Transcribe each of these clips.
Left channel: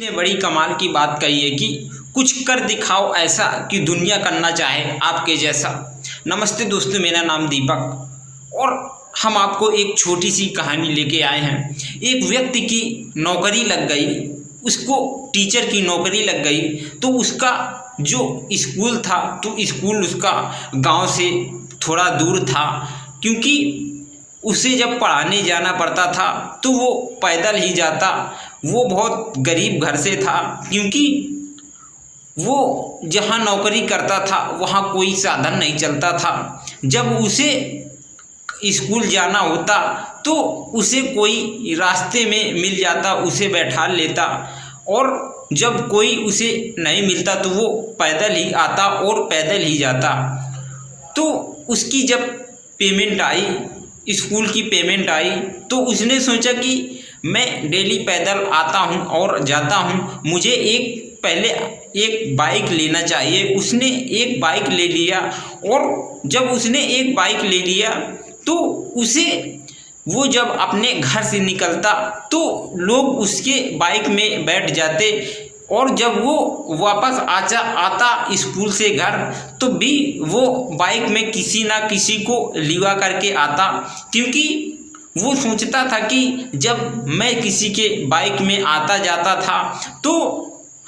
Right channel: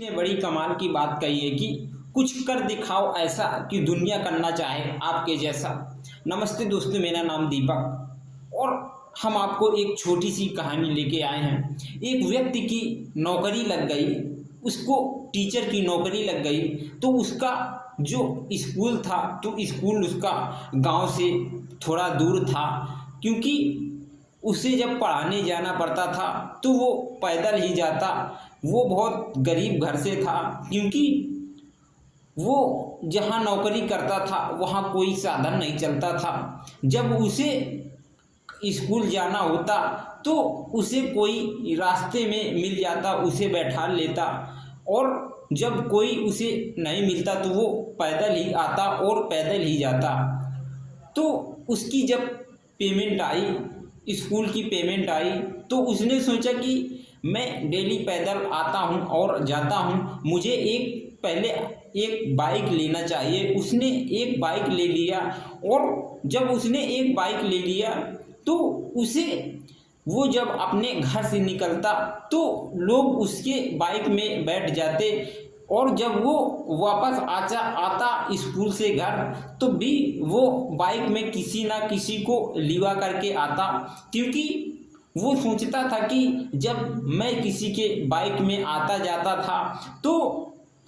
ने बड़ी कमाल की बात कही है कि कुछ कर दिखाओ ऐसा कि दुनिया करना चाहे आपके जैसा। नमस्ते दोस्तों, मेरा नाम दीपक और हम आपको एक छोटी सी कहानी लेके आए हैं। एक व्यक्ति की नौकरी लग गई, उसको टीचर की नौकरी लग गई। तो उसका जो स्कूल था, तो स्कूल उसका गांव से थोड़ा दूर था, क्योंकि उसे जब पढ़ाने जाना पड़ता था तो वो पैदल ही जाता। वो बहुत गरीब घर से था, क्योंकि वो जहाँ नौकरी करता था वहाँ कोई साधन नहीं चलता था। जब उसे स्कूल जाना होता तो उसे कोई रास्ते में मिल जाता, उसे बैठा लेता, और जब कोई उसे नहीं मिलता तो वो पैदल ही आता और पैदल ही जाता। तो उसकी जब पेमेंट आई, स्कूल की पेमेंट आई, तो उसने सोचा कि मैं डेली पैदल आता हूँ और जाता हूँ, मुझे पहले एक बाइक लेना चाहिए। उसने एक बाइक ले लिया, और जब उसने एक बाइक ले लिया तो उसे वो जब अपने घर से निकलता तो लोग उसके बाइक में बैठ जाते, और जब वो वापस आता स्कूल से घर तो भी वो बाइक में किसी ना किसी को लिवा करके आता, क्योंकि वो सोचता था कि जब मैं किसी के बाइक में आता जाता था तो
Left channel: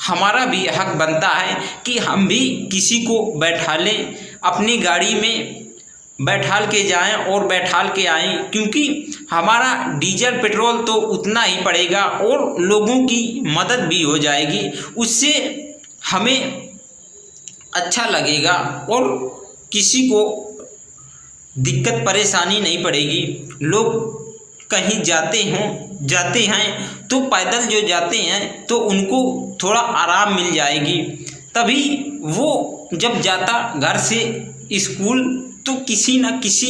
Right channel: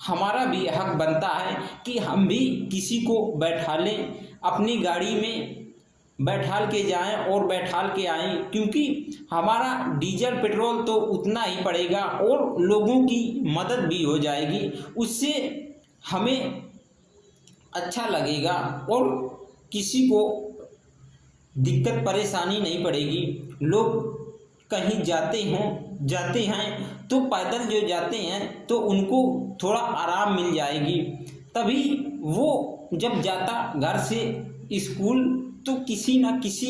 हमारा भी हक बनता है कि हम भी किसी को बैठा लें, अपनी गाड़ी में बैठाल के जाएं और बैठाल के आएं, क्योंकि हमारा डीजल पेट्रोल तो उतना ही पड़ेगा और लोगों की मदद भी हो जाएगी। उससे हमें अच्छा लगेगा और किसी को दिक्कत परेशानी नहीं पड़ेगी। लोग कहीं जाते हैं तो पैदल जो जाते हैं तो उनको थोड़ा आराम मिल जाएगी। तभी वो जब जाता घर से स्कूल तो किसी न किसी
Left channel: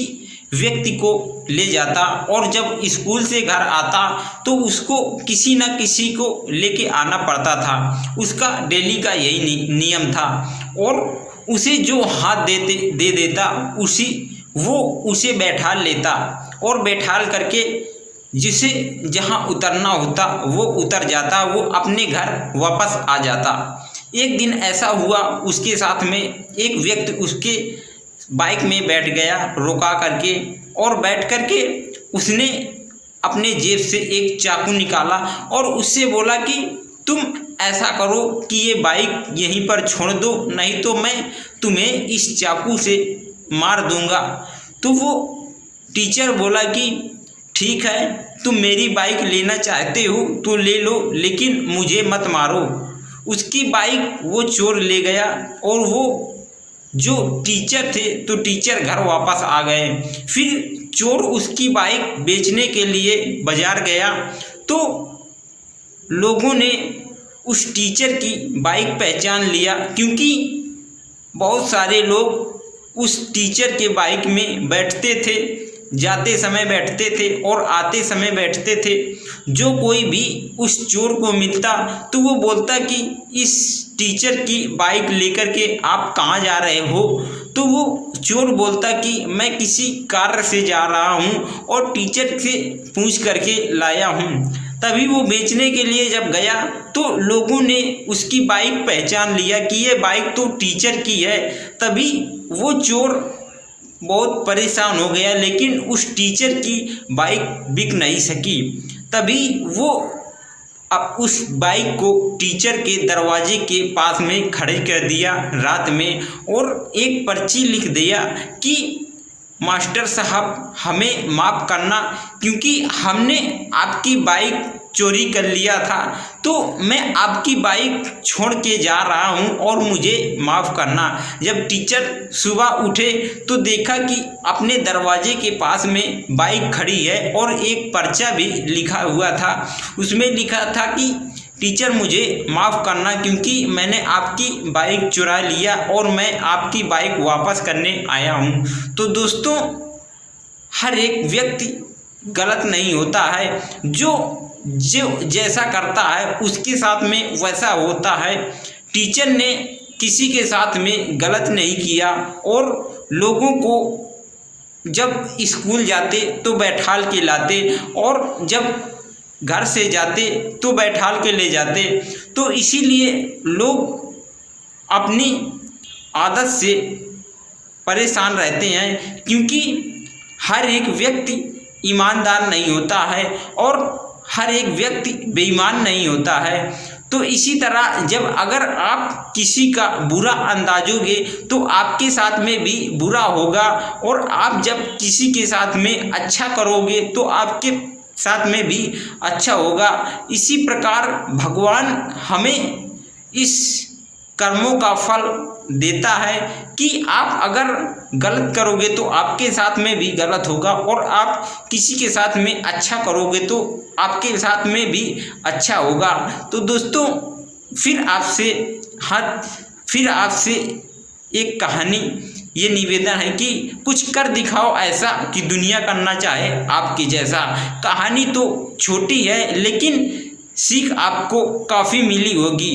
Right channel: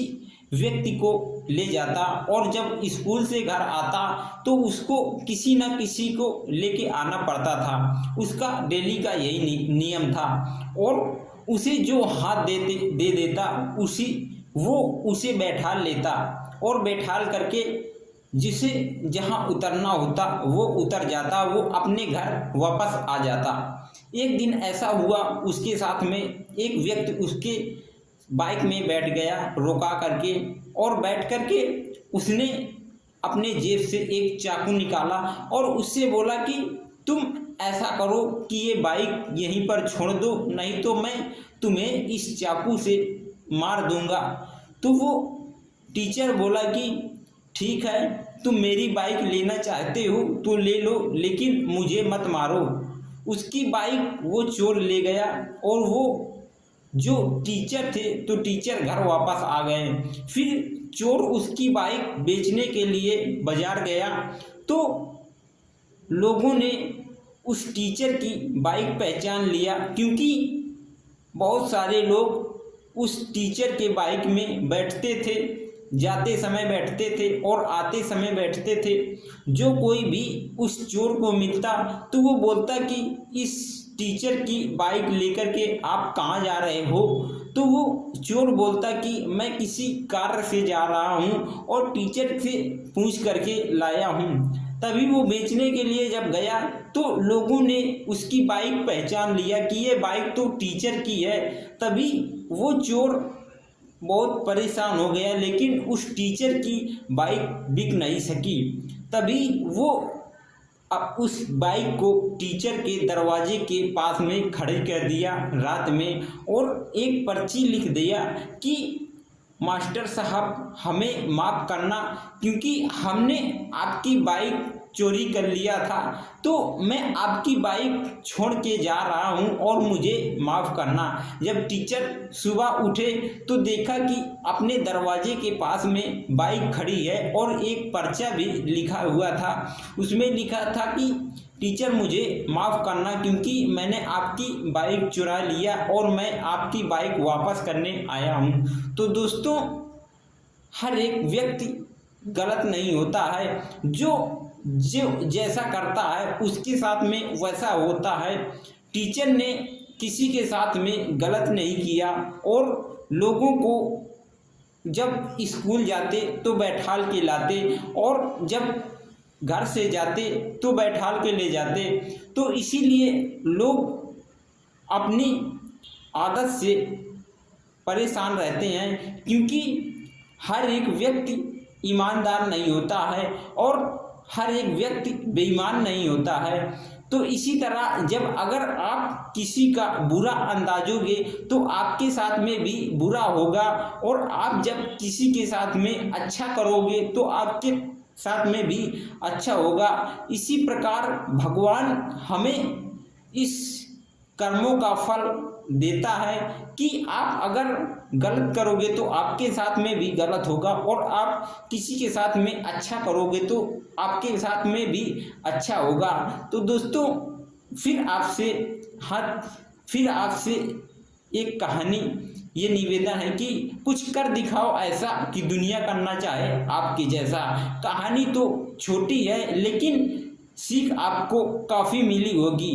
व्यक्ति को ले जाता, और जब स्कूल से घर आता तो उसको किसी न किसी को लेके आना पड़ता था। उसका डेली का यही नियम था, और उसे जो हाथ दे देता वो उसे बैठा लेता, और बैठाल करके जिसे जहाँ उतरना होता वो उतर जाता, वो अपने घर वापस आ जाता। एक दिन ऐसा हुआ उसके साथ में, एक व्यक्ति उसके बाइक में बैठ गया रोका करके, और बैठ करके उसने अपने जेब से एक चाकू निकाला और उससे बोला कि तुम ऐसा करो कि ये बाइक यहीं पर छोड़ दो, नहीं तो मैं तुम्हें इस चाकू से मार दूंगा। तो वो टीचर बोला कि ठीक है, तुम मेरी बाइक लेना चाहते हो तो ले लो, लेकिन मुझे मत मारो। उसकी बाइक वो चोर ले गया, और वो जो टीचर थे तो टीचर घर वापस आ गए। फिर चोर उसकी बाइक बेचने के लिए बाजार गया, तो लोगों ने उस टीचर की बाइक पहचान लिया, क्योंकि बहुत सारे लोग उस टीचर के बाइक में बैठते थे, जाते समय बैठते थे और आते समय बैठते थे। जो कोई भी उस चोर को मिलता तो वो बोलता कि इस टीचर की बाइक लेकर के आप कहाँ जा रहे हो? तो वो चोर बोलता कि मैं किसी कार्य से जा रहा हूँ और टीचर से पूछ करके लाया हूँ। तभी वो बेचने के लिए जब गया तो लोगों ने उसकी बाइक पहचान लिया कि ये बाइक तो टीचर की है। तभी वो चोर बहुत परेशान हो गया, लेकिन उस टीचर की बाइक बिक नहीं सकी। तभी वो अब उस बाइक को टीचर के दरवाजे के पास में खड़े कर दिया रात में, और एक पर्ची लिख दिया कि मास्टर साहब हमें माफ़ करना, क्योंकि हमने आपकी बाइक चोरी कर लिया था, तो मैं आपकी बाइक छोड़ के जा रहा हूं और मुझे माफ़ करना। जब टीचर सुबह उठे तो देखा कि अपने दरवाजे के पास में बाइक खड़ी है और एक पर्चा भी लिखा हुआ था। उसमें लिखा था कि टीचर मुझे माफ़ करना, क्योंकि मैंने आपकी बाइक चुरा लिया और मैं आपकी बाइक वापस करने आया हूँ। तो दोस्तों, हर एक व्यक्ति गलत नहीं होता है, जो जैसा करता है उसके साथ में वैसा होता है। टीचर ने किसी के साथ में गलत नहीं किया, और लोगों को जब स्कूल जाते तो बैठाल के लाते, और जब घर से जाते तो बैठाल के ले जाते। तो इसीलिए लोग अपनी आदत से परेशान रहते हैं, क्योंकि हर एक व्यक्ति ईमानदार नहीं होता है और हर एक व्यक्ति बेईमान नहीं होता है। तो इसी तरह जब अगर आप किसी का बुरा अंदाजोगे तो आपके साथ में भी बुरा होगा, और आप जब किसी के साथ में अच्छा करोगे तो आपके साथ में भी अच्छा होगा। इसी प्रकार भगवान हमें इस कर्मों का फल देता है कि आप अगर गलत करोगे तो आपके साथ में भी गलत होगा, और आप किसी के साथ में अच्छा करोगे तो आपके साथ में भी अच्छा होगा। तो दोस्तों फिर आपसे एक कहानी, ये निवेदन है कि कुछ कर दिखाओ ऐसा कि दुनिया करना चाहे आपके जैसा। कहानी तो छोटी है लेकिन सीख आपको काफ़ी मिली होगी।